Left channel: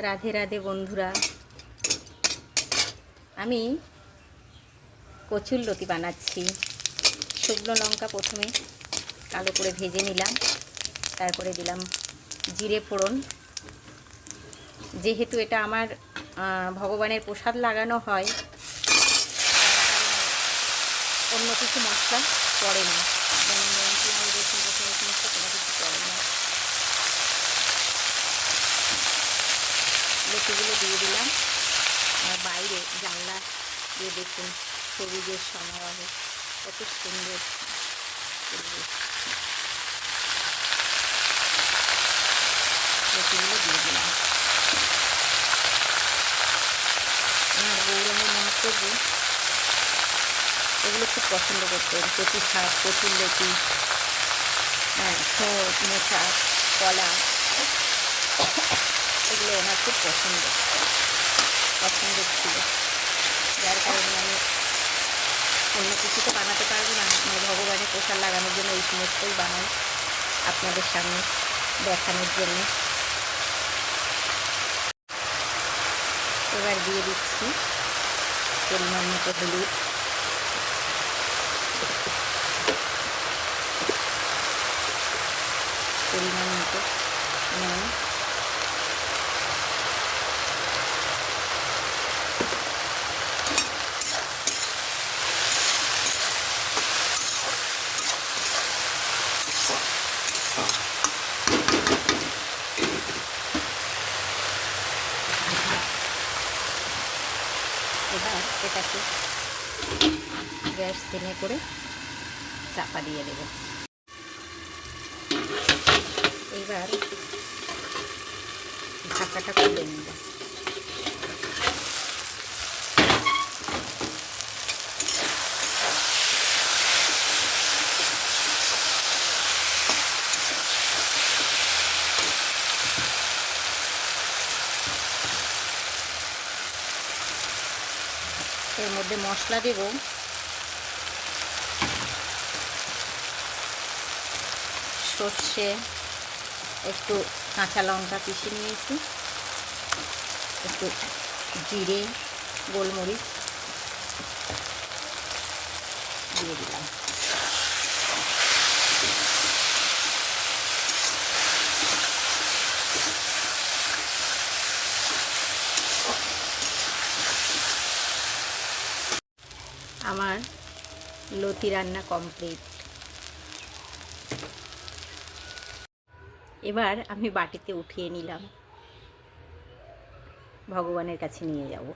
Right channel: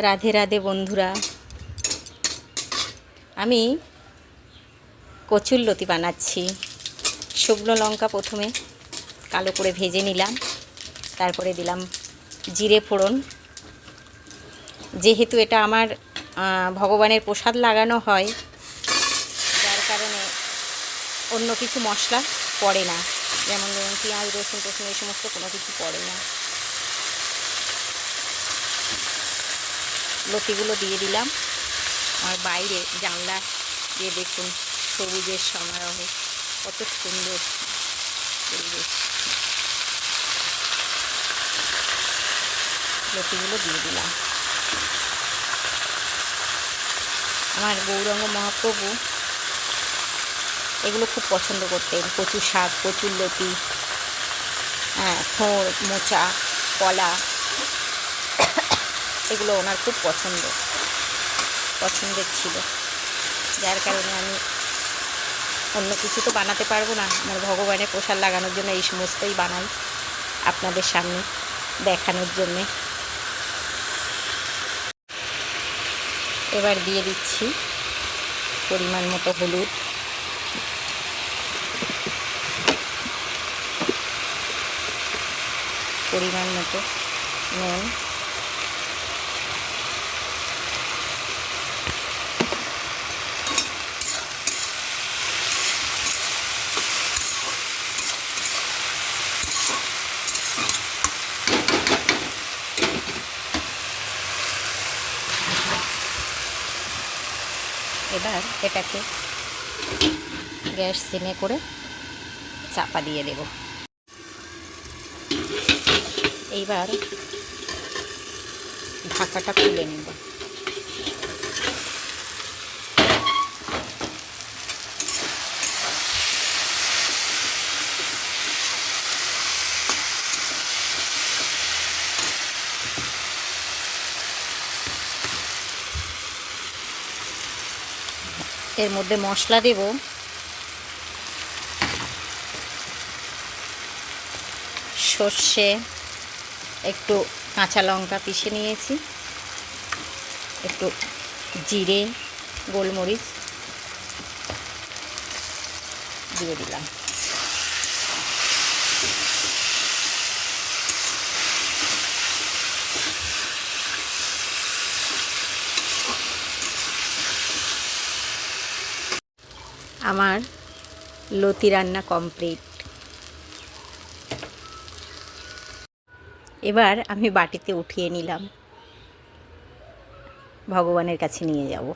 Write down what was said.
রাধে রাধে বন্ধুরা, আমি কচুরলতি বানাচ্ছি। শুকনো লঙ্কা প্রথমে কালো করে ভেজে নিলাম, তারপরে দিলাম জিরে ফোড়ন। যেহেতু এটা আমার ভগবানের প্রসাদ লাগানো হয়, তার কারণে অন্য কিছু মশলা পড়ে না, যেমন পেঁয়াজ রসুন টসুন এই সমস্ত কোনো কিছু পড়ে না। লতিগুলো দিয়ে দিলাম। আর বাইরে জানলা দিয়ে দেখুন সবুজের সমারোহ, কত সুন্দর পরিবেশ। লতিগুলো দিয়ে দিলাম। আমার গৌরাঙ্গ মহাপ্রভু এগুলো খুব পছন্দ করতেন। কচু শাক, কচুরলতি, থোড়, মোচা, কলা, এগুলো ওনার খুব পছন্দের ছিল। যার কারণে আমি অন্য কিছু তো বানাতে পারবো না, মানে ভগবানের প্রসাদ লাগানোর জন্য এই সমস্তই বানাই আপনাদের সামনে দেখানোর জন্যে। এবার দিয়ে দিচ্ছি পরিমাণ মতো হলুদ, পরিমাণ মতো নুন, এবার এটাকে গ্যাস সিমে করে চাপা দিয়ে দেব। এইবার ঢাকাটা খুলে নেব। এর মধ্যে মশলা দেব সর্ষে, একটু কাঁচা লঙ্কা পিষে নিয়েছি, একটু জিরে, গোলমরিচ দিয়ে দিলাম। আমার লতি রান্না কমপ্লিট। এবার আমি বাটিতে উঠিয়ে নিলাম, ভগবানের কাছে নিয়ে যাব।